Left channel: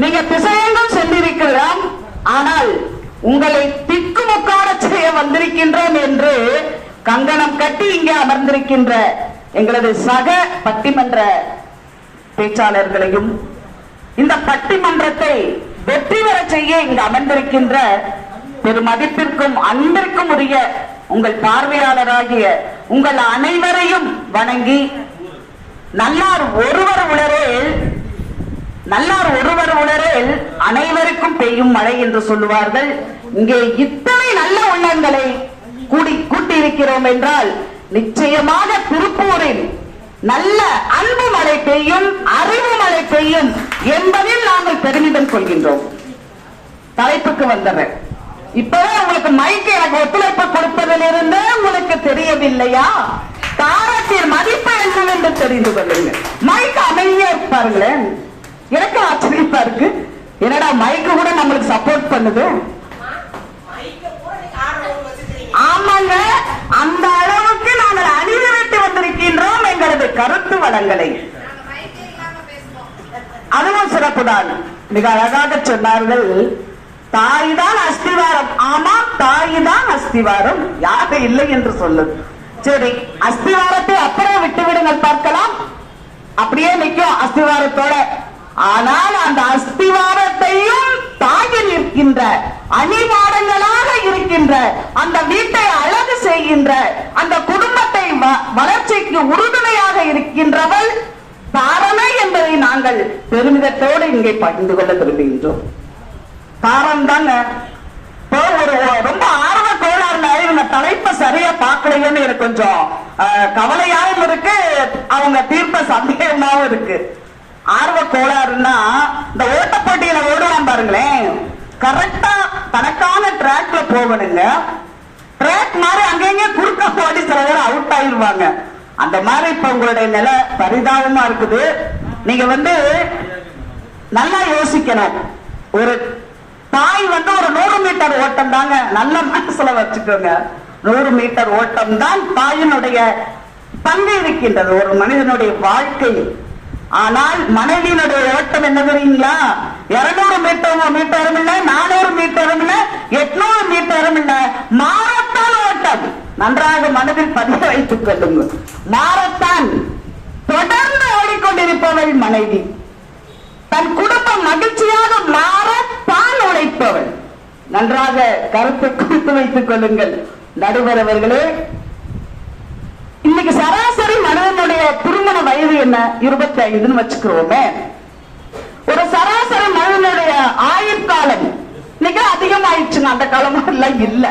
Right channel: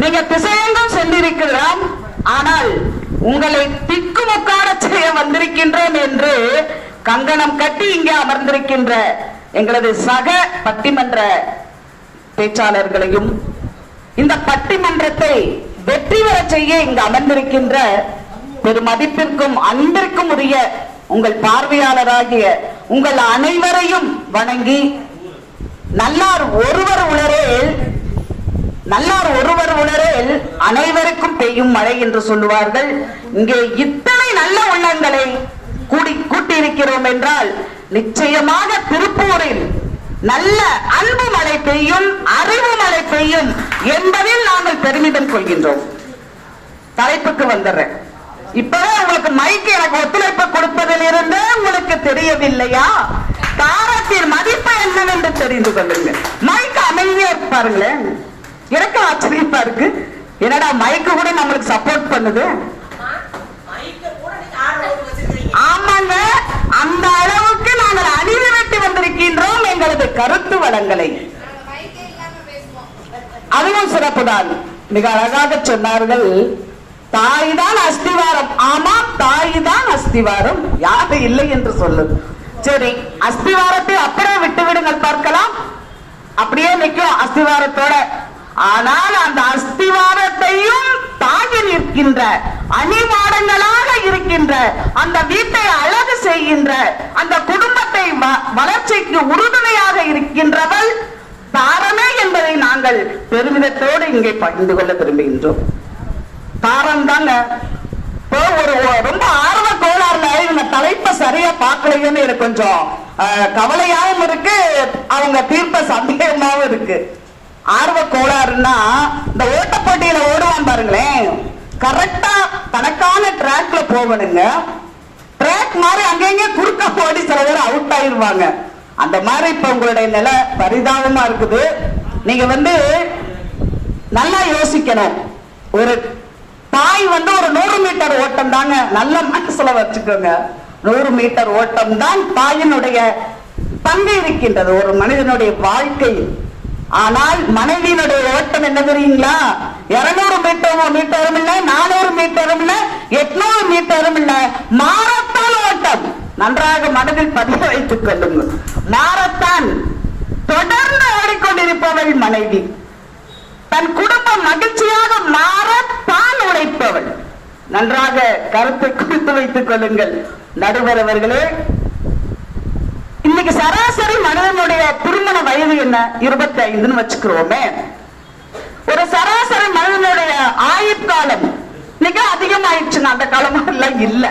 நீங்க திசையெங்கும் சென்றிருக்கலாம் ஆனால் உங்களை திக்குமுக்காட செய்ய வந்திருக்கின்றோம் என்று கங்கணம் கட்டி இங்கே அமர்ந்திருக்கின்ற எங்களது சக பட்டிமன்ற பேச்சாளர்களையும் இந்த பட்டிமன்றத்தை வெற்றி பெற செய்ய இங்கு அமர்ந்திருக்கின்ற பெருமதிப்பிற்கும் அன்பிற்கும் உரிய உங்கள் பார்வையாளராகிய உங்கள் அனைவரையும் வணங்கி நல்லார் ஒருவர் உலரே நல்லார் ஒருவர் உணரில் அனைவருக்கும் பெய்யும் மழை என்று சொல்லுவார்கள். இங்கே இத்தனை நல்ல உள்ளங்களை கூடி கூட்டியிருக்கிறோம் என்றால் நிச்சயமாக திருப்பூரில் நல்ல அன்பு மழை பெய்யும் அறிவு மழை பெய்யும் என்பதில் நாங்கள் பெருமிதம் கொள்கின்றோம். தலைப்புக்கு வந்துடுறேன். இப்பதான் உங்களுக்கு மைக்கு எனக்கு ஒத்துழைப்பு கொடுப்பதிலிருந்து உங்களுக்கு தெரியவில்லையா? காரத்தின் மதிப்பு என்னவென்று தெரிந்து கொள்ளுங்க மைக் அமைதியா பாருங்களேன் எனக்கு ஆச்சரியமா இருக்கு. என்னடா மைக்கு கூட நம்மளுக்கு சப்போர்ட் பண்ணுது? ஆமாங்க. அந்த அளவுக்கு நாங்கள் அணிதிரட்டி வந்திருக்கின்றோம் எங்களது கருத்து வளங்களை. அதுவும் சிறப்புதான். மிக அழகாக சொன்னார்கள். தாய்தான் அஸ்திவாரம். ஆமா தாய்தான் அஸ்திவாரம். யாரு இல்லை என்று சொல்லும் சரி அஸ்திவாரத்தை அப்புறம் விட்டு விடுங்கள் பார்க்கலாம். அப்படியே நிற்கும் அஸ்திவாரத்தோட ஆனால் அந்த அஸ்திவாரத்தையும் தாங்கி நிற்கின்ற அணிமாடங்களாக இருக்கின்ற அந்த வீட்டை அழகு செய்கின்ற அந்த குடும்பத்தை வ- வளர்ச்சிக்கு உறுதுணையாக இருக்கின்றவள் தாரமே என்பதை நாங்கள் பெருமிதத்தோடு இங்கே பகிர்ந்து கொள்ள விரும்புகின்றோம். தாரம் தாங்க. ரொம்ப ஆர்வ கோளாறுல இவங்க தலைப்பை சரியா பார்க்கலையேன்னு எனக்கு கொஞ்சம் அஹ், கவலையாவும் இருக்கு. அவங்க தீர்ப்ப சந்தேகமாகவும் இருக்கு. ஆர்வ கோளாறுன்னா இந்த ஓட்டப்போட்டியில ஓடுவான் பாருங்களேன். கரெக்டா தனக்கான ட்ராக்ல போகணுங்க. ட்ராக் மாதிரி அங்கங்க குறுக்க போடி சில பேர் அவுட் ஆயிருவாங்க அந்த மாதிரி இப்ப உங்களுடைய நிலை பரிதாபமா இருக்குது. நீங்க வந்து நல்லா யோசிக்கணும். ஒரு தாய் வந்து ஒரு நூறு மீட்டர் ஓட்டம் தாங்க. நல்ல மனசுல வச்சுக்கோங்க. நூறு மீட்டர் ஓட்டம் தான் தாயினுடைய பங்கு இருக்கின்றது. ஒரு மனிதனுடைய வாழ்க்கையில் ஆனால் மனைவியினுடைய ஓட்டம் என்ன தெரியுங்களா? இருநூறு மீட்டர் மீட்டரும் இல்ல நானூறு மீட்டரும் இல்ல எட்நூறு மீட்டரும் இல்ல. மாரத்தான் ஓட்டம். நன்றாக மனதில் பதிய வைத்துக் கொள்ளுங்கள். மாரத்தான் தொடர்ந்து ஓடிக்கொண்டிருப்பவள் மனைவி. தன் குடும்பம் மகிழ்ச்சியாக மாறத்தான் உழைப்பவள். நன்றாக கருத்தை குறித்து வைத்துக் கொள்ளுங்கள். நடுவர் அவர்களே சராசரி மனிதனுடைய திருமண வயது என்ன? இருபத்தி ஐந்துன்னு வச்சுக்கிறோமே. ஒரு சராசரி மனிதனுடைய ஆயுட்காலம் மிக அதிகமாயிடுச்சுங்க அந்த காலம் எல்லாம் இல்ல.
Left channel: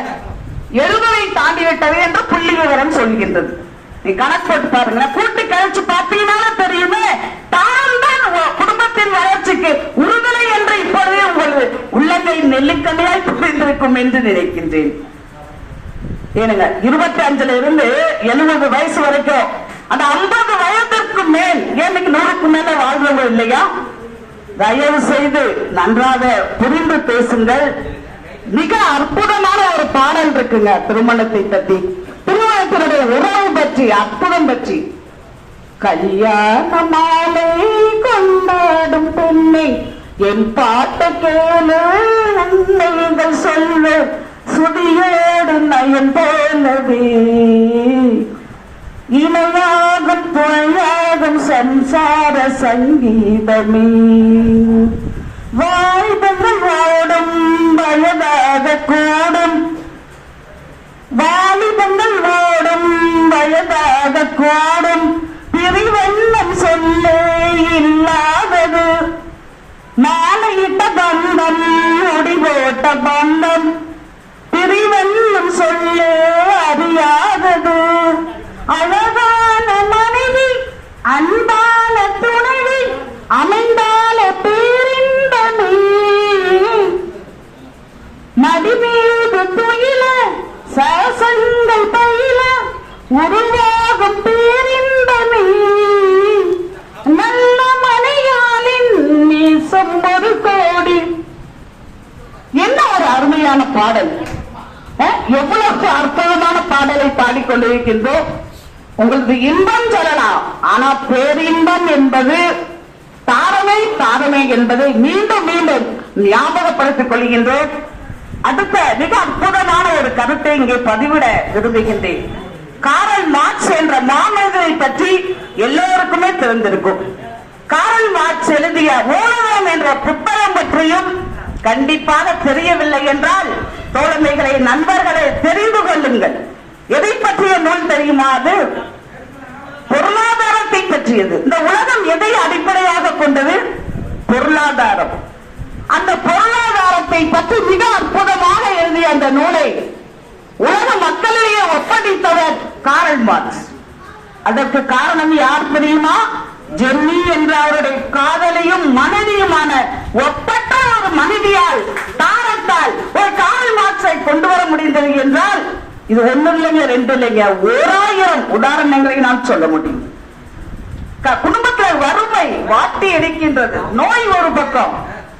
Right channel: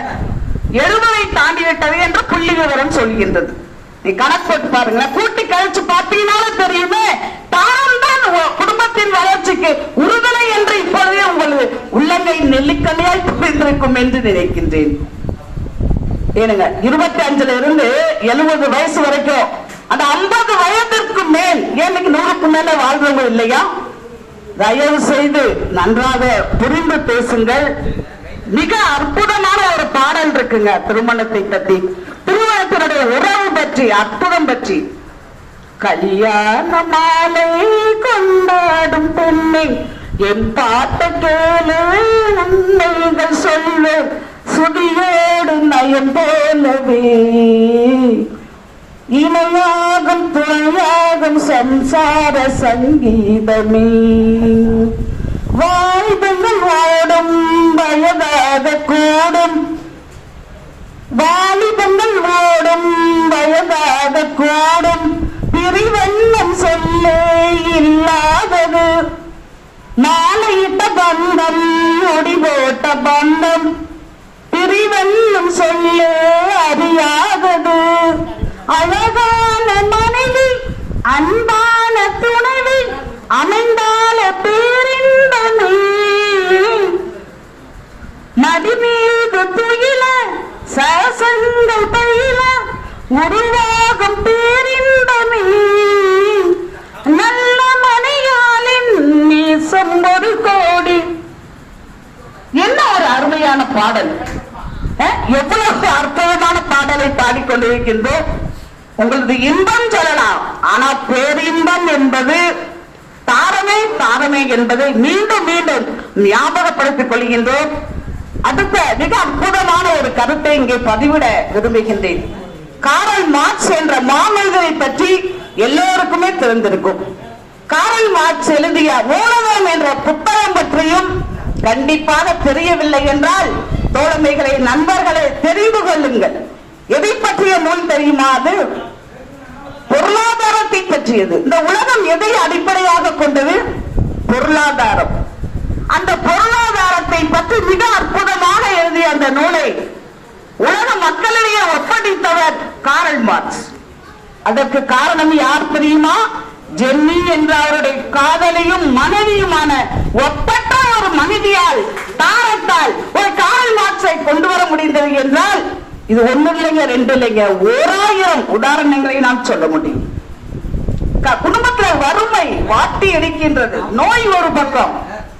எழுபதை தாண்டி விட்டது என்று புள்ளி விவரம் சொல்கின்றது. நீ கணக்கு போட்டு பாருங்க கூட்டி கழிச்சு பார்த்தீங்கன்னா தெரியுமே தானம் தான் குடும்பத்தின் வளர்ச்சிக்கு உறுதுணை என்று இப்பொழுதே உங்களது உள்ளங்கை நெல்லிக்கல்லையாய் புரிந்திருக்கும் என்று நினைக்கின்றேன். ஏனுங்க இருபத்தி அஞ்சுல இருந்து எழுபது வயசு வரைக்கும் அந்த ஐம்பது வயதிற்கு மேல் ஏனுக்கு நூறுக்கு மேல வாழ்றவங்க இல்லையா? தயவு செய்து நன்றாக புரிந்து பேசுங்கள். மிக அற்புதமான ஒரு பாடல் இருக்குங்க திருமணத்தை பற்றி திருமணத்தினுடைய உறவு பற்றி அற்புதம் பற்றி. கல்யாண மாலை கொண்டாடும் பெண்ணை என் பாட்டை கேளு நீங்கள் சொல்ல சுதியோடு நயன் போலவே. இணையாகும் துணையாகும் சம்சார சங்கீதமே. வாழ்தங்கள் ஓடும் வயதாக கூடும். வாலிபங்கள் ஓடும் வயதாக கூடும். என்ன ஒரு அருமையான பாடல்? எவ்வளவு அற்புதமான பாடலை பாடிக்கொண்டிருக்கின்றோம் உங்களது இன்பம் சொல்லலாம். ஆனா பேரின்பம் என்பது தாரமை தாரமை என்பதை மீண்டும் மீண்டும் ஞாபகப்படுத்திக் கொள்கின்றோம். அடுத்த மிக அற்புதமான ஒரு கருத்தை இங்கே பதிவிட விரும்புகின்றேன். காரல் மார்க்ஸ் என்ற மாமனிதரை பற்றி எல்லோருக்குமே தெரிந்திருக்கும். காரல் மார்க்ஸ் எழுதிய ஊடகம் என்ற புத்தகம் பற்றியும் கண்டிப்பாக தெரியவில்லை என்றால் தோழமைகளை நண்பர்களை தெரிந்து கொள்ளுங்கள். எதை பற்றிய நூல் தெரியுமா அது? பொருளாதாரத்தை பற்றியது. இந்த உலகம் எதை அடிப்படையாக கொண்டது? பொருளாதாரம். அந்த பொருளாதாரத்தை பற்றி மிக அற்புதமாக எழுதிய அந்த நூலை உலக மக்களிடையே ஒப்படைத்தவர் காரல் மார்க்ஸ். அதற்கு காரணம் யார் தெரியுமா? ஜெர்மி என்ற அவருடைய காதலியும் மனைவியுமான ஒப்பற்ற ஒரு மனைவியால் தாரத்தால் ஒரு காரல் மார்க்ஸை கொண்டு வர முடிந்தது என்றால் இது ஒண்ணு இல்லைங்க ரெண்டு இல்லைங்க ஓராயிரம் உதாரணங்களை நான் சொல்ல முடியும். குடும்பத்துல வறுமை வாட்டி எடுக்கின்றது. நோய் ஒரு பக்கம்.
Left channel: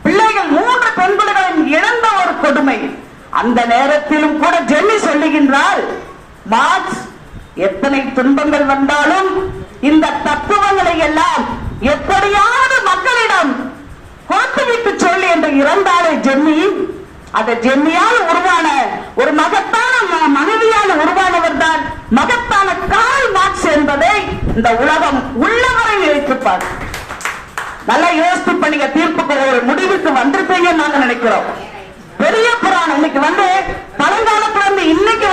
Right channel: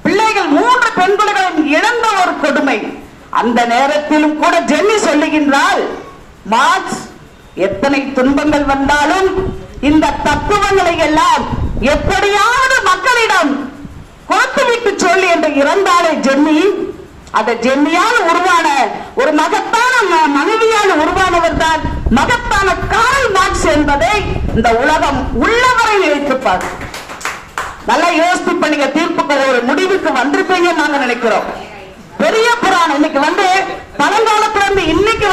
பிள்ளைகள் மூன்று பெண்களுடன் இழந்த ஒரு அந்த நேரத்திலும் கூட ஜென்னி சொல்லுகின்றார் மார்க்ஸ் எத்தனை துன்பங்கள் வந்தாலும் இந்த தத்துவங்களை எல்லாம் எப்படியாவது மக்களிடம் கோத்துவிட்டு சொல்லி என்று இறந்தாலே ஜென்னி அந்த ஜென்னியால் உருவான ஒரு மகத்தான மனைவியால் உருவானவர் தான் மகத்தான கால் மார்க்ஸ் என்பதை இந்த உலகம் உள்ளவரை நினைத்துப்பார் நல்லா யோசித்து இப்ப நீங்க தீர்ப்புக்கு ஒரு முடிவுக்கு வந்திருப்பீங்கன்னு நாங்க நினைக்கிறோம் பெரிய புராணம் இன்னைக்கு வந்து பழங்காலத்துல இருந்து இன்னைக்கு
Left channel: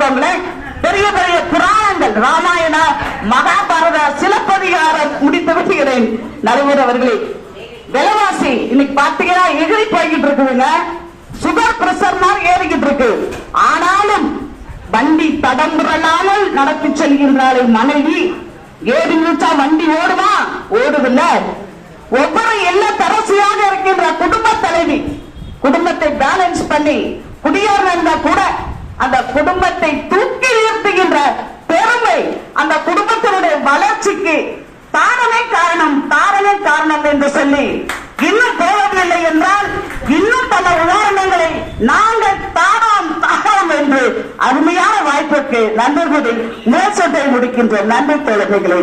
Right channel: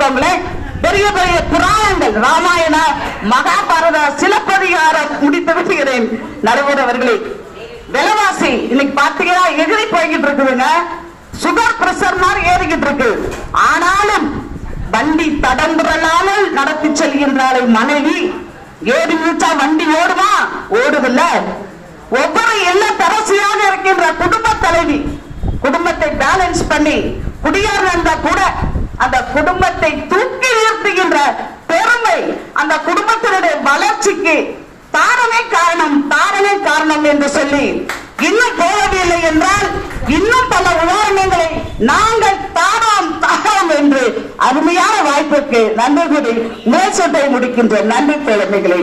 வரைக்கும் பெரிய பெரிய புராணங்கள். ராமாயண மகாபாரத சிலப்பதிகாரம் முடித்து விட்டுகிறேன். நடுவர் அவர்களே விலைவாசி இன்னைக்கு பாத்தீங்கன்னா எகிரி போய்கிட்டு இருக்குதுங்க. சுகர் பிரஷர் மாதிரி ஏறிக்கிட்டு இருக்கு. ஆனாலும் வண்டி தடங்குறலாமல் நடத்தி செல்கின்றாள் மனைவி. ஏறி நினைச்சா வண்டி ஓடுமா? ஓடுதில்ல. ஒவ்வொரு இல்ல தரசியாக இருக்கின்ற குடும்ப தலைவி குடும்பத்தை பேலன்ஸ் பண்ணி குடியார் கூட அந்த குடும்பத்தை தூக்கி நிறுத்துகின்ற பெருமை அந்த குடும்பத்தினுடைய வளர்ச்சிக்கு தாரமே காரணம் தாரமே காரணம் என்று சொல்லி இன்னும் போவதில்லை என்றால் இன்னும் பல உதாரணங்களை நாங்கள் தாராம் தாராம் என்று அருமையான வாய்ப்புக்கு நன்றி கூறி நேசத்தை முடிக்கின்ற நன்றி குழந்தைகளை.